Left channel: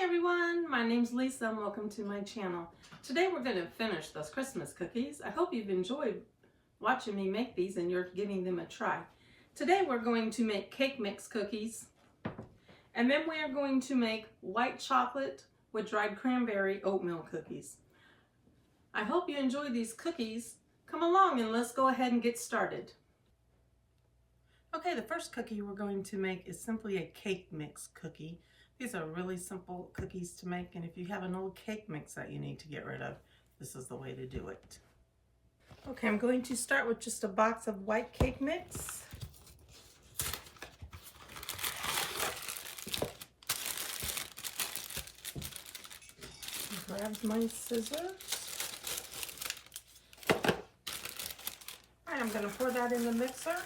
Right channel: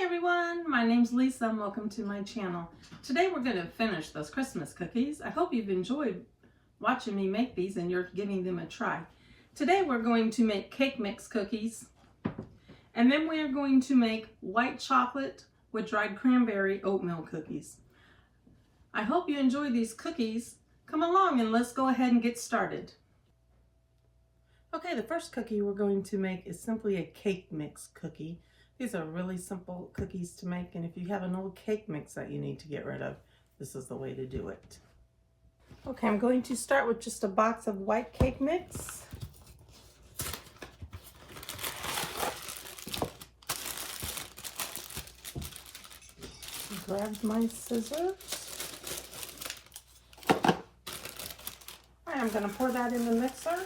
Hi everyone, my name's Lisa and welcome to my channel. Today we're going to finish those Christmas cookies. I hope you've enjoyed watching me make these and you're giving them a try. Today we're going to make cake mix cookies, and then we are going to make white chocolate with dried cranberry oatmeal cookies. I hope you enjoy these cookies. Come along and let's go ahead and get started. Okay, the first cookie we're going to make is simply a cake mix cookie. These are really simple cookies to make, and if you have an old cake mix that you need to get rid of, this is the way to do it. Okay, I'm going to start with just a box of white cake mix. Grab my scissors. All right, I'm going to pour that in the mixer.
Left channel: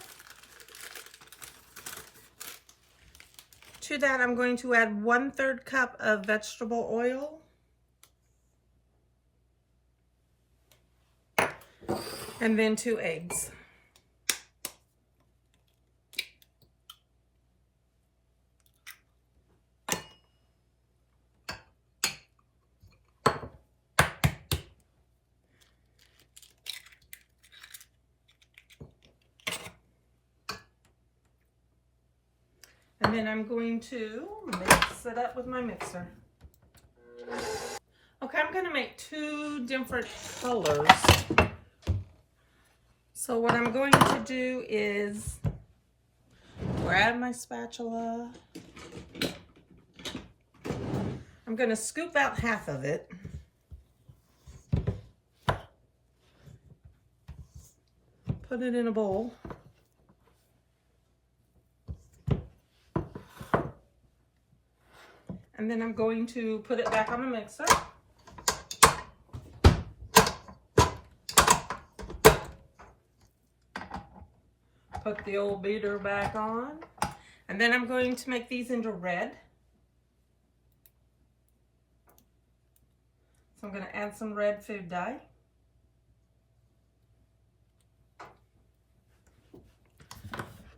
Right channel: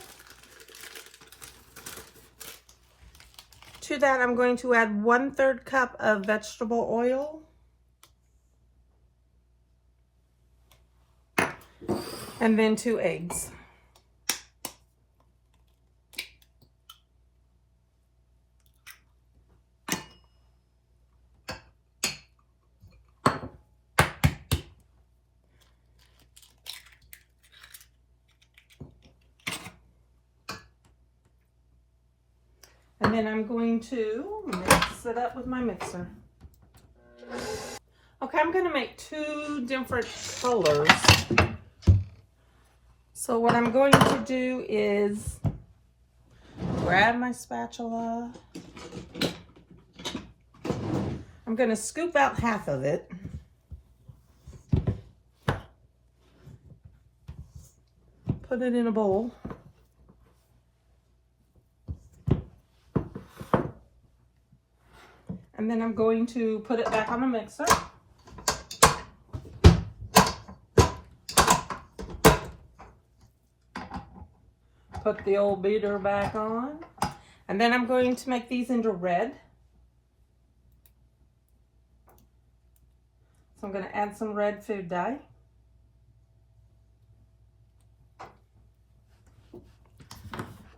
To that, I'm going to add 1/3 cup of vegetable oil. And then 2 eggs. And then I'm going to mix it up with my mixer. Okay, I'm going to make 2 different colors. So what I'm going to do is grab my spatula. I'm going to scoop out half of it. Put it in a bowl. And then I'm going to put it back on the mixer. Put the old beater back on. And then I'm going to make these into red. So I'm going to add some red food dye.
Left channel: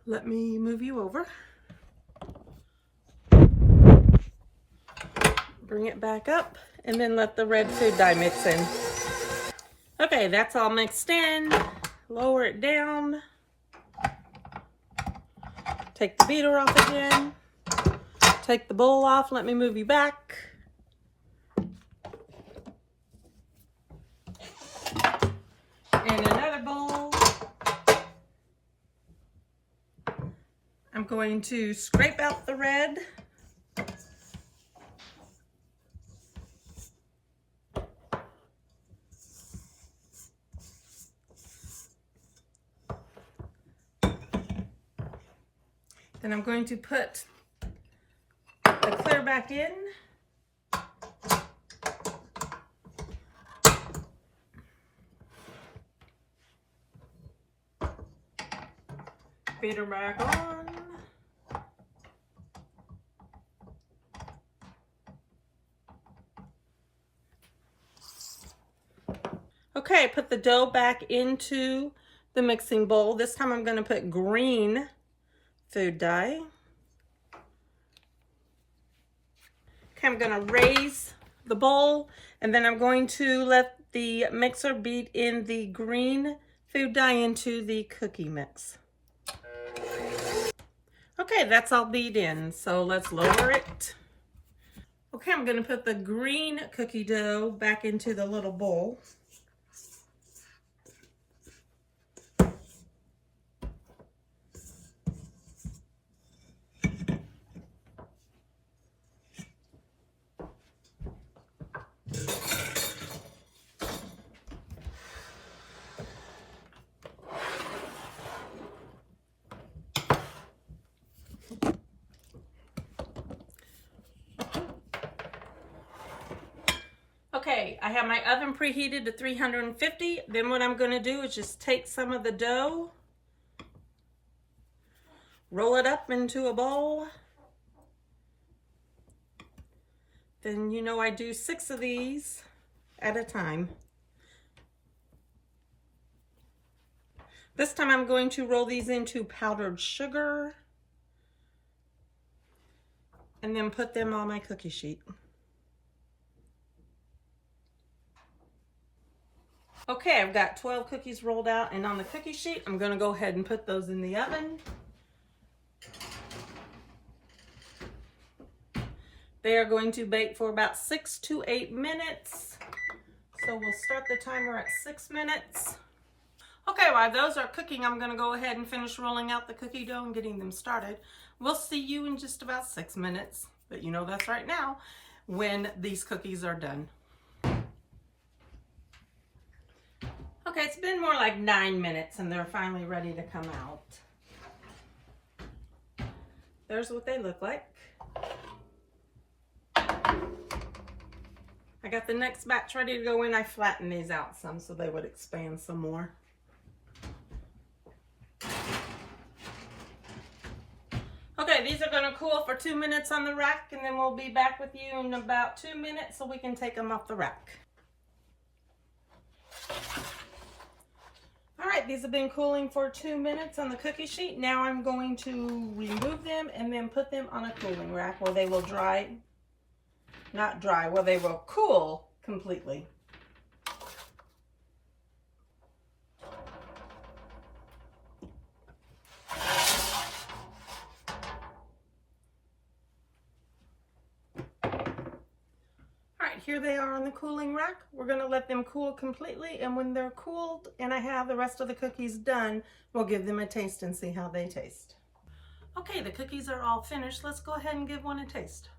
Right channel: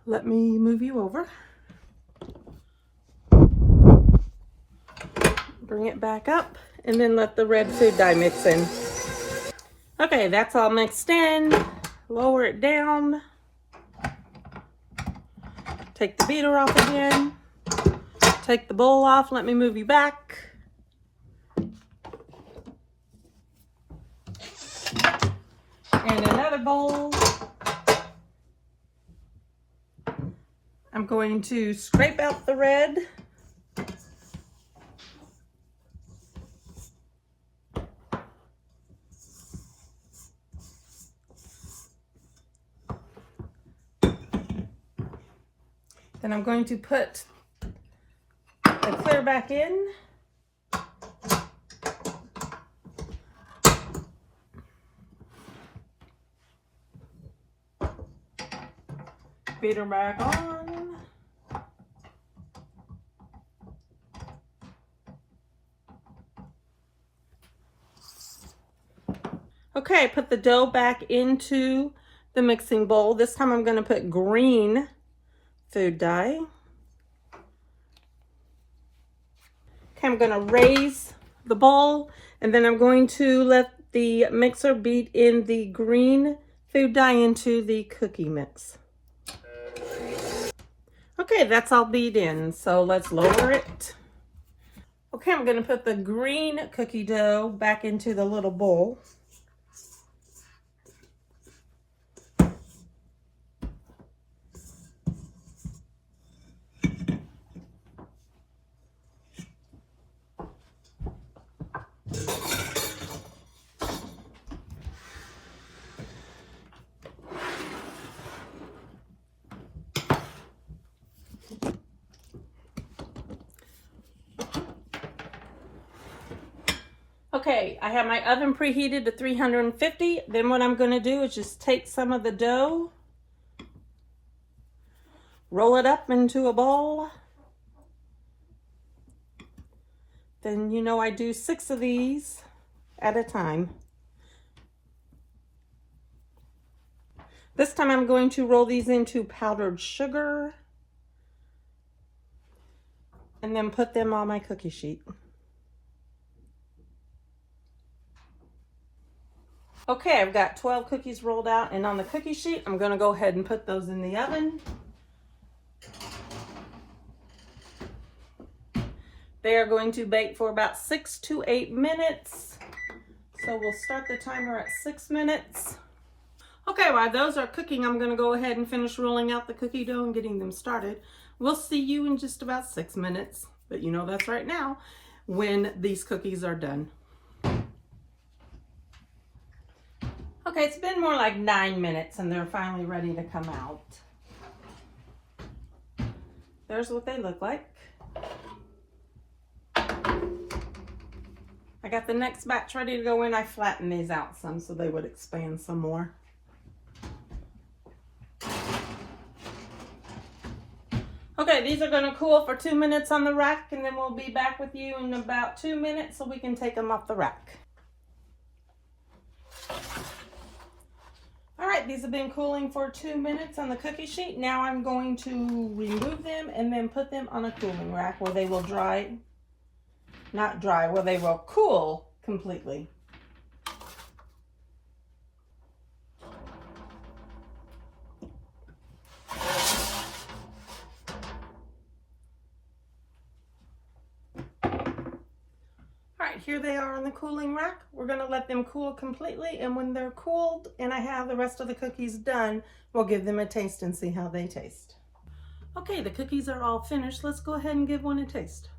Let me move you over. Bring it back up and then let the red food dye mix in. Okay, that's all mixed in. Lower it down. Take the beater off again. Take the bowl off. Let me move you back. And another bowl. I'm going to scrape out the red. Then I'm going to put the clear back in. Beater back on. Okay, put the dough back into the mixing bowl. This time I'm going to put green food dye. Okay, I'm going to raise the bowl, and then I'm going to let the mixer beat in the green food dye into the cookie mix. Okay, that's all beat in, so let's lower it. Okay, I'm going to put the green cookie dough back into the little bowl. Okay, I have my oven preheated to 350. Then what I'm going to do is just take some of the dough, roll it up into a bowl. Then you know I do 6 of these at a time. This time I'm going to roll these into powdered sugar and then put them on my cookie sheet. Okay, I've got 12 cookies rolled out, and on the cookie sheet, I'm going to go ahead and put those in the oven. They are going to bake for about 6 to 8 minutes. So we'll start the timer at 6 minutes. Okay, while those are cooking, I'm going to go ahead and finish rolling out the cookie dough and getting them started. We'll see you in just about 6 minutes, but you know that's right now, when these cookies are done. Okay, it's been more like 9 minutes and they're finally ready to come out. There's what they look like. I got the next batch ready to go in. I flattened these out some so they would expand some more. Okay, these are going to cool for 2 minutes on the rack, and then we'll be back with you in about 2 minutes so we can take them off the rack. All right, these have been cooling for 2 minutes on the cookie sheet. Now I'm going to remove them and then put them on a cooling rack where they will dry, not dry, where they will cool completely. Here they are on the cooling rack. We're going to let them cool completely, and when they're cooled and I have the rest of the cookies done, we'll give them a taste and see how they taste. Okay, the cookies are all finished. Let's go ahead and give one a taste.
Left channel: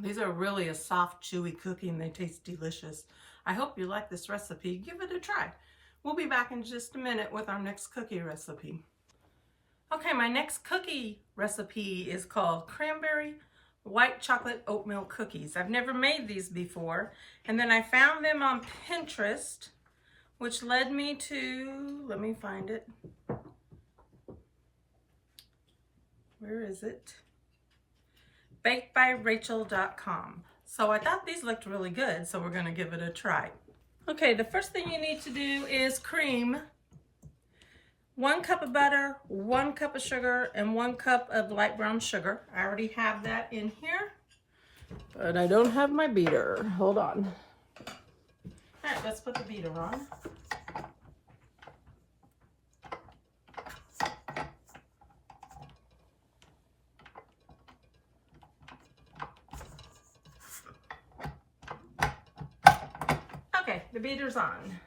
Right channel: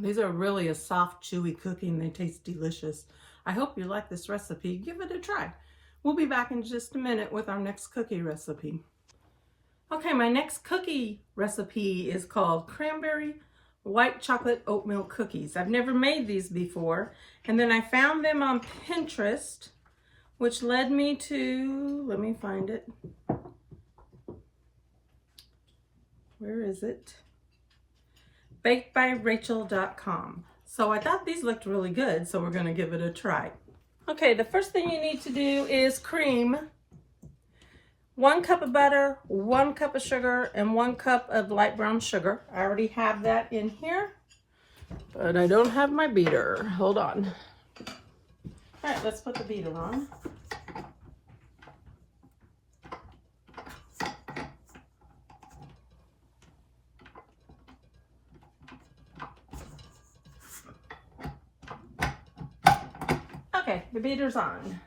These are really a soft, chewy cookie, and they taste delicious. I hope you like this recipe. Give it a try. We'll be back in just a minute with our next cookie recipe. Okay, my next cookie recipe is called Cranberry White Chocolate Oatmeal Cookies. I've never made these before, and then I found them on Pinterest, which led me to, let me find it. Where is it? bakedbyrachel.com. So I thought these looked really good, so we're going to give it a try. Okay, the first thing you need to do is cream 1 cup of butter, 1 cup of sugar, and 1 cup of light brown sugar. I already have that in here, but I don't have my beater. Hold on. All right, let's put the beater on. Okay, the beater's on.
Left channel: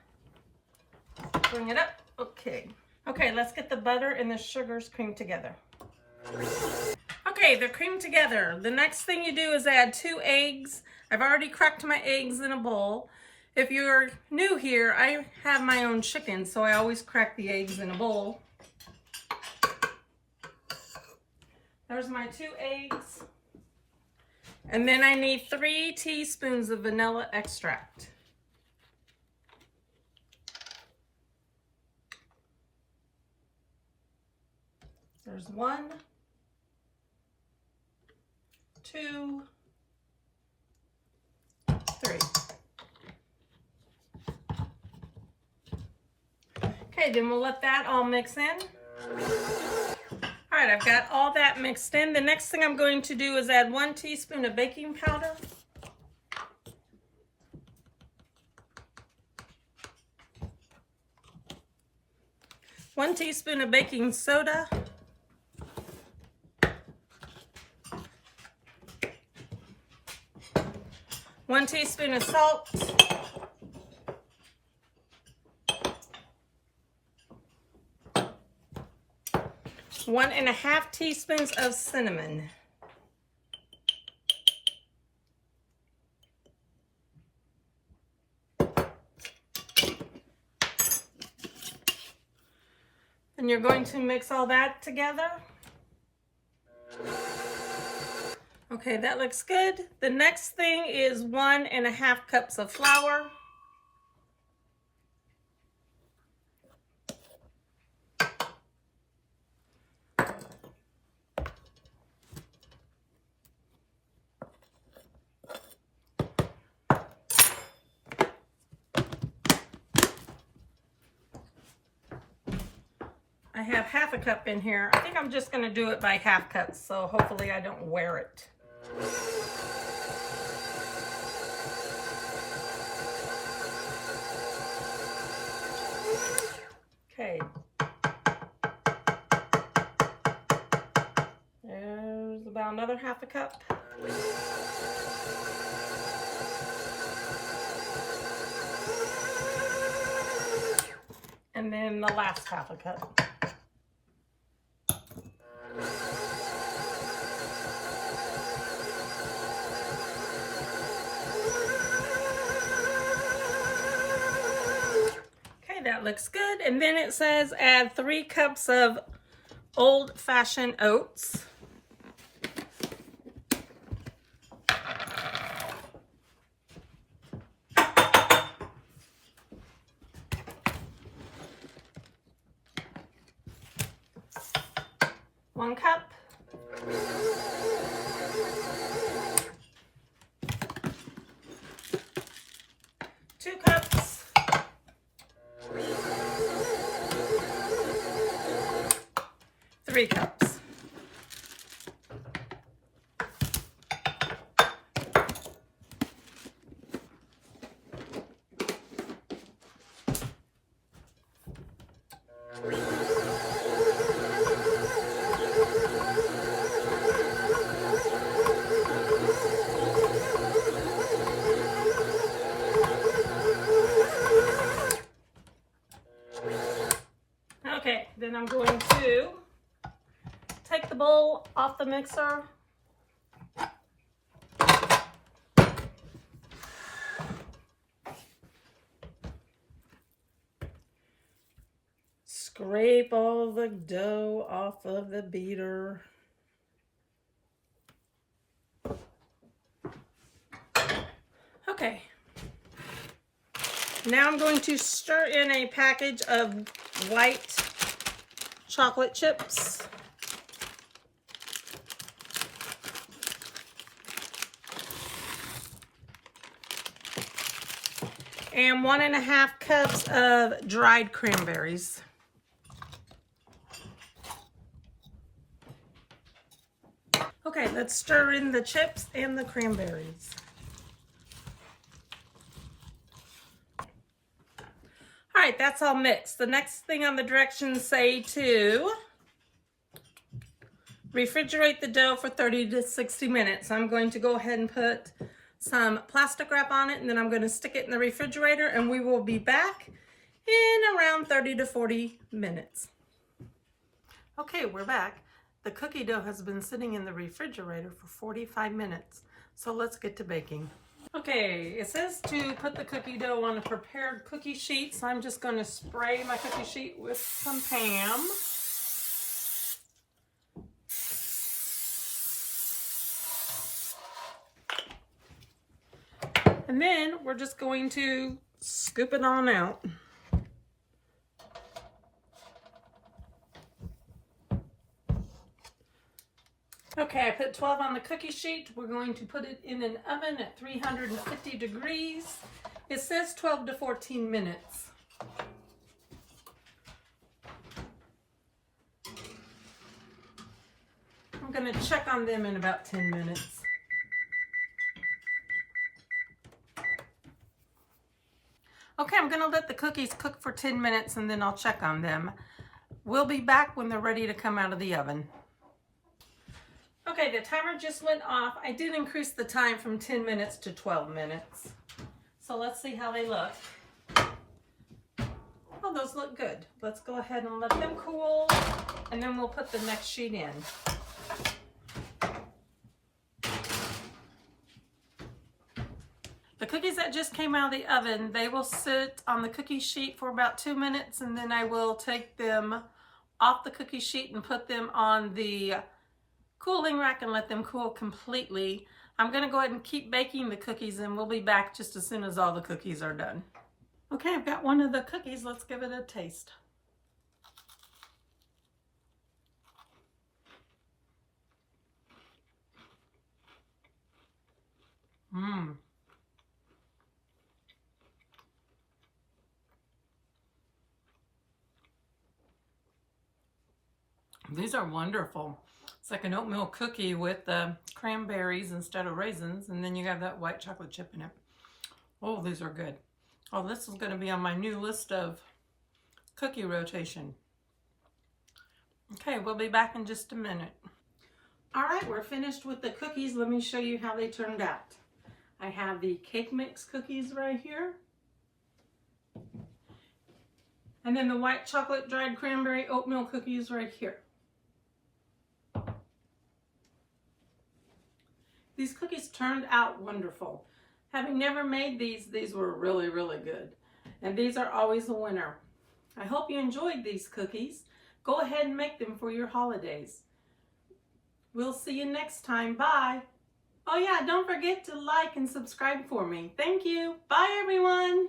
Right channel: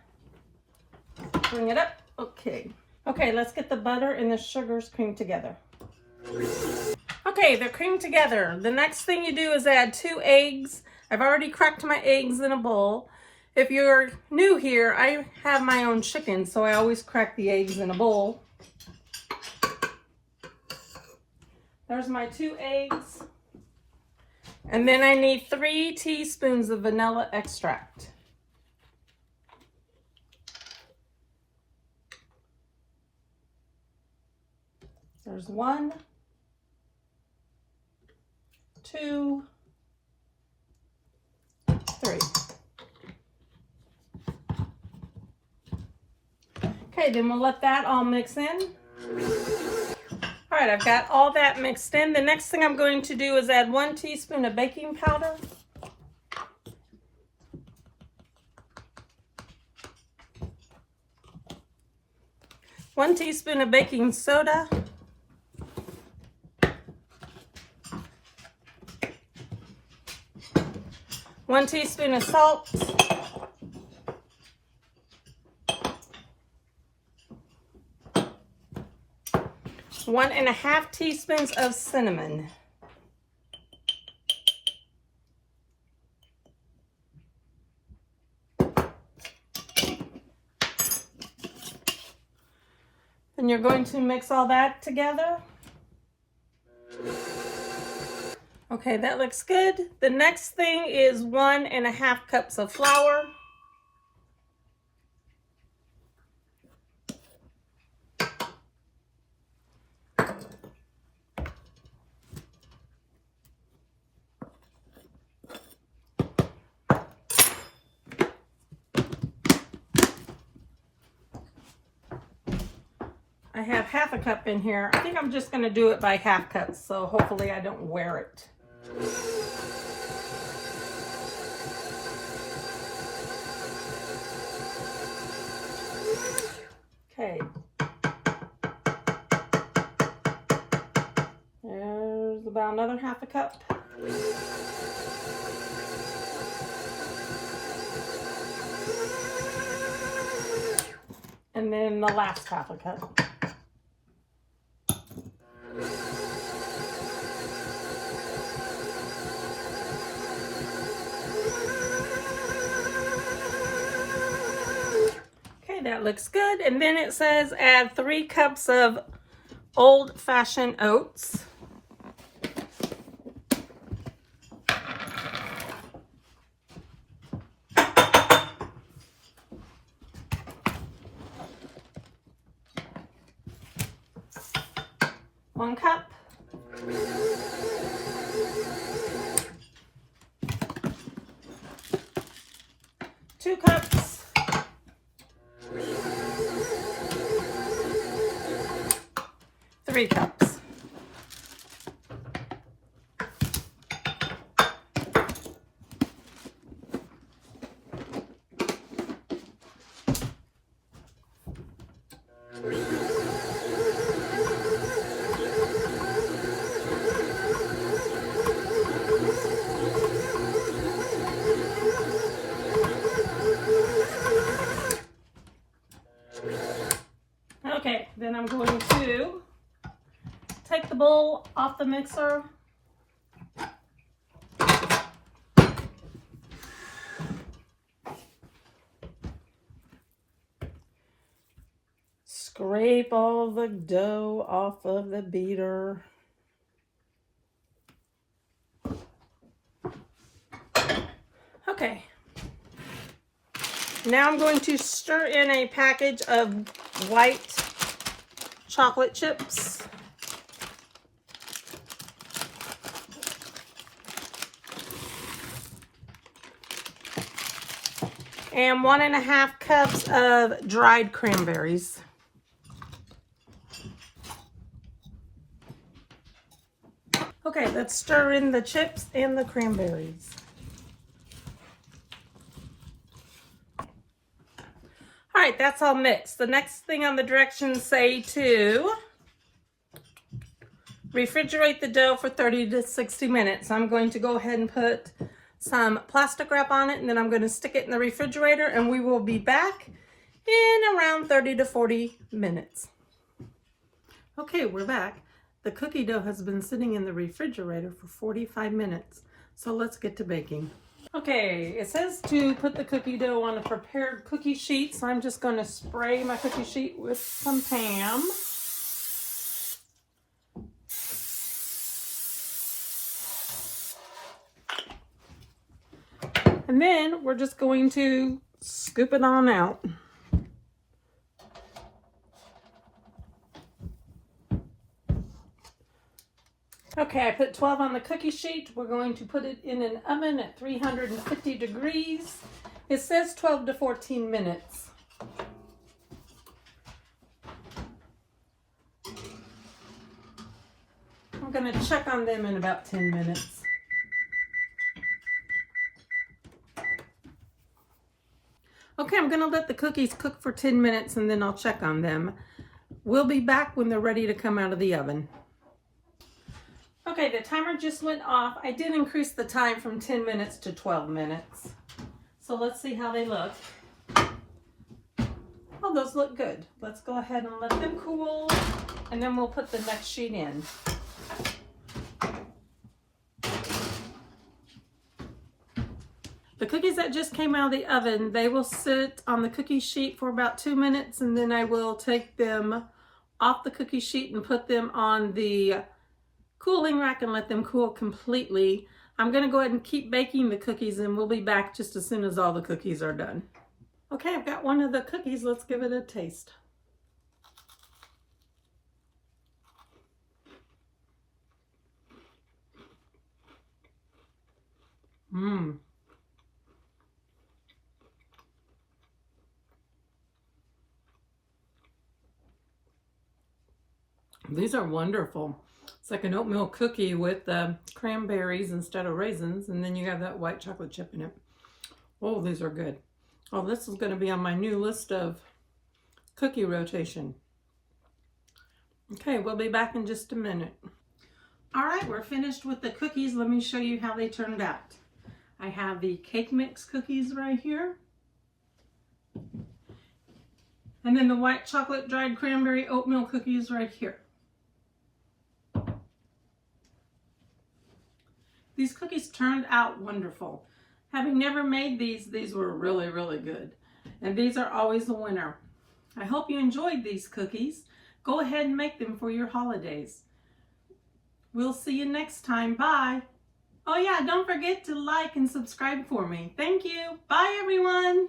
Bring it up. Okay. Okay, let's get the butter and the sugars creamed together. Okay, they're creamed together. The next thing you do is add 2 eggs. I've already cracked my eggs in a bowl. If you're new here, I have my own chicken, so I always crack the eggs in a bowl. There's my 2 eggs. And then I need 3 teaspoons of vanilla extract. There's 1, 2, 3. Okay, then we'll let that all mix in. All right, I've got all that mixed in. The next thing I'm going to do is add 1 teaspoon of baking powder. 1 teaspoon of baking soda. 1 teaspoon of salt. 1½ teaspoons of cinnamon. And you're going to mix all that together. Okay, that looks good. The next thing is 1½ cups of flour. I have half a cup in here. I think I'm just going to do it by half cups, so hopefully I don't wear it. Okay. There's about another half a cup. And then the last half a cup. Okay, that looks good. And then it says add 3 cups of old-fashioned oats. One cup. 2 cups. 3 cups. Okay, then I'm going to take the bowl off the mixer. Scrape all the dough off of the beater. Okay. Now I'm going to stir in a package of white chocolate chips. And 1.5 cups of dried cranberries. Okay, let's stir in the chips and the cranberries. All right, that's all mixed. The next thing on the directions say to refrigerate the dough for 30 to 60 minutes. I'm going to go ahead and put some plastic wrap on it, and then I'm going to stick it in the refrigerator, and we will be back in around 30 to 40 minutes. Okay, we're back. The cookie dough has been sitting in the refrigerator for 45 minutes, so let's get to baking. Okay, it says to put the cookie dough on a prepared cookie sheet, so I'm just going to spray my cookie sheet with some Pam. And then we're just going to scoop it on out. Okay, I put 12 on the cookie sheet. We're going to put it in an oven at 350 degrees. It says 12 to 14 minutes. I'm going to check on them in about 10 minutes. Okay, I'm going to let the cookies cook for 10 minutes and then I'll check on them. We'll be back when they're ready to come out of the oven. Okay, the timer just went off. I did increase the time from 10 minutes to 12 minutes. So let's see how they look. Oh, those look good. Let's go ahead and let them cool, and then we'll put the next sheet in. The cookies that just came out of the oven, they will sit on the cookie sheet for about 2 minutes, and then I will take them off the cookie sheet and put them on the cooling rack and let them cool completely. I'm going to go ahead and keep baking the cookies, and we'll be back just as soon as all the cookies are done. Okay, I've got one of the cookies. Let's give it a taste. Mmm. These are wonderful. It's like an oatmeal cookie with cranberries instead of raisins, and then you have that white chocolate chip in it. Oh, these are good. Oh, this is going to be on my new list of cookie rotation. Okay, we'll be back in just a minute. All right, we're finished with the cookies. Let me show you how they turned out. I have the cake mix cookies right here. And then the white chocolate dried cranberry oatmeal cookies right here. These cookies turned out wonderful. Having never made these were really, really good. And these are always a winner. I hope you enjoyed these cookies. Go ahead and make them for your holidays. We'll see you next time. Bye. Oh yeah, don't forget to like and subscribe for me. Thank you. Bye everyone.